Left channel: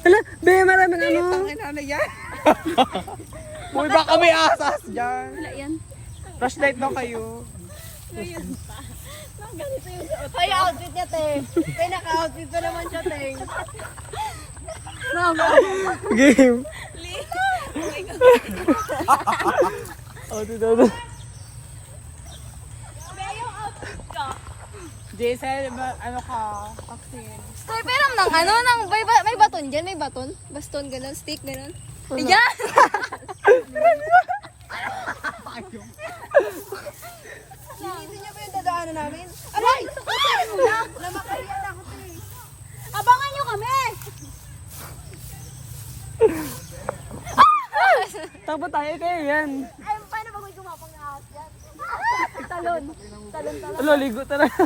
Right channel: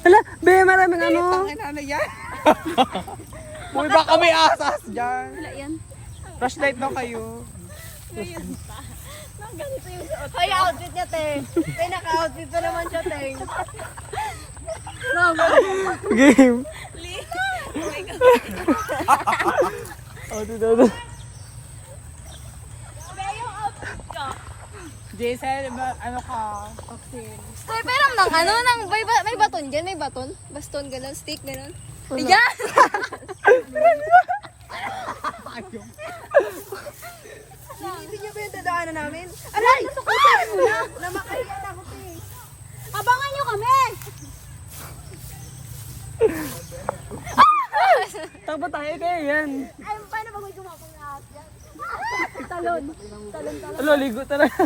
Hala, be, maraming ano. Uy, baka may asas dyan. Flashlight daw kayo. Kaya outfit niya, te. Kaya naka-outfit pa naman siya, te. Game. Oh, dito. Kaya yung outfit ko. Jason, ano ka? Vaccine. Tay, pero ng ano, may baton dyan, may baton. Baston, gano'n, stick, gano'n. Ayan! Hindi niyo ba yung dadaanan namin? Aray! Ay! Na makahiya na ako, te. Abangan niyo kami! Takbo tayo kayo yan. Alam paano ba may gumapang na ahas dyan? Talon. Alo, ligo talaga.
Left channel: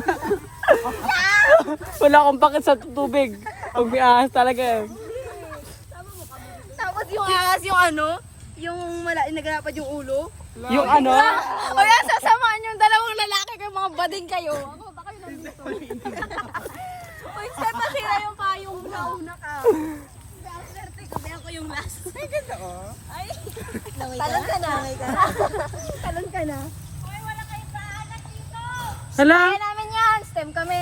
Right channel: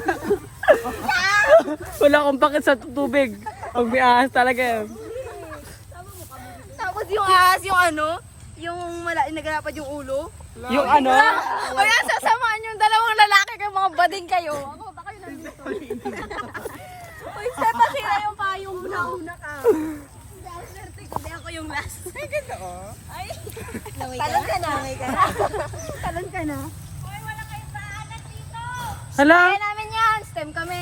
Wala akong pakit sa tubig. Pag may ahas talaga yan. Tapos yung ahas, yung ano, yung nagalapad yung ulo. Yung ano? O yan, sasamaan yung dalawang lalaki kayo, mga bading kayo. Ako, baka yun nandito. Uy, seta sila yung payong nauna ka. Swerte ko, di ako yung last. Ay, ganda oh. Ay, talon ka na. Talon ka na. Hala. Kaya namin yan, stem kami.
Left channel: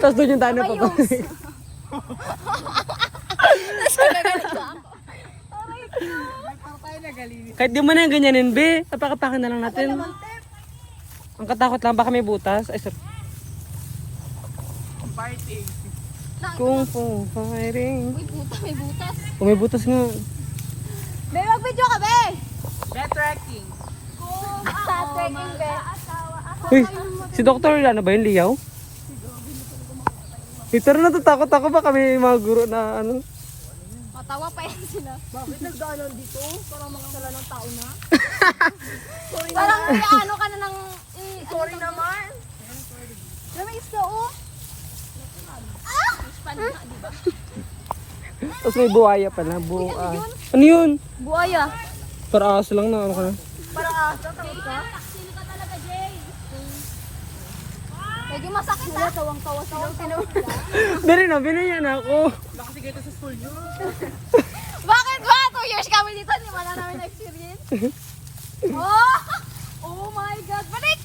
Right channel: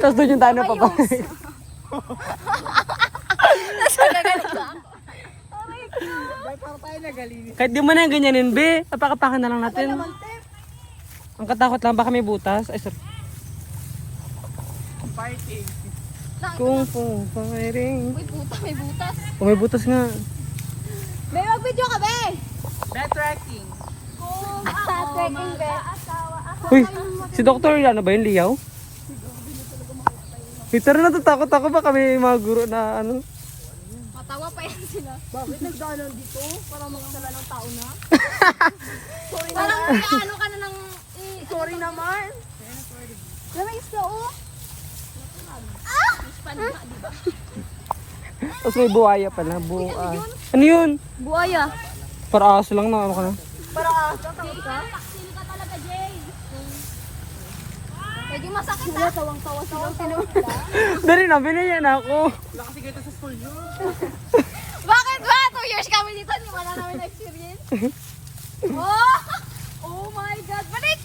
Tapos doon yung tano pa ba? Nasa gagaling na ako. Aray, cute. Kahit di mo na ganyanin, be. Apakapakan na lang natin. Ang katakot lang, baka may butas. Ay, sorry. Fighting. Kung fu fighting. Uy, puta, may butas. Kung may butas nga. May mag-video ka, be! That trekking. Trekking, be. Uy, si Dr. Yana ba yun, Liyaw? Pero natatakot ako baka may mga guro na ano. Matawa pa yan sila. Bakit nagdaanan dito? Parang makasala ng tao na. Parang ano ka na ng... sorry naman. Na may isla, oh. Ah! Diba? Tapos may buhaya pala, buhay. Ano yun? Buaya. Para aso lang na ano ka na. Sino ka talaga, Jay? Medyo masakit, ha? Tawang-tawa sila. Dali na, binigyan na ako. Bakit ba? 2 years kami dito, hindi wala namin experience. Oh! Oh my God! Balik!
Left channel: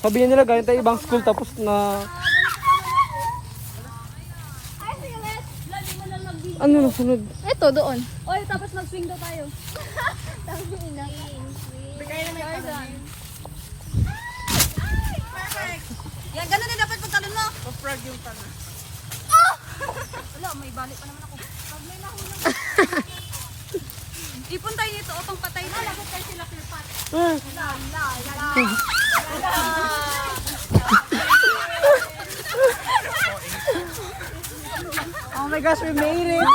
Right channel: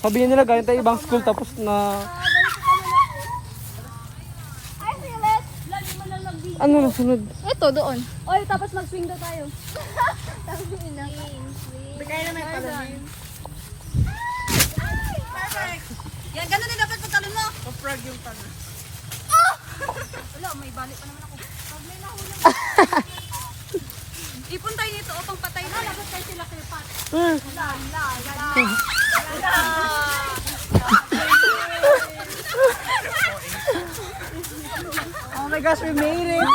Sabihin nila galing tayo ibang school tapos na... Ay, silet! Lagi mo lang mag-video. Ano na sunod? Ito, doon. Oy, tapos mag-swing daw tayo. Tapos yung ina. Bigay na may palamin. Yan, gano'n din dapat pag talon mo. Pa-frog yung tana. Wala, may balik pa naman ako. Ipon tayo nito, o pang patay na. Lapit tayo sila kay Pat. Oh my gosh, we made it!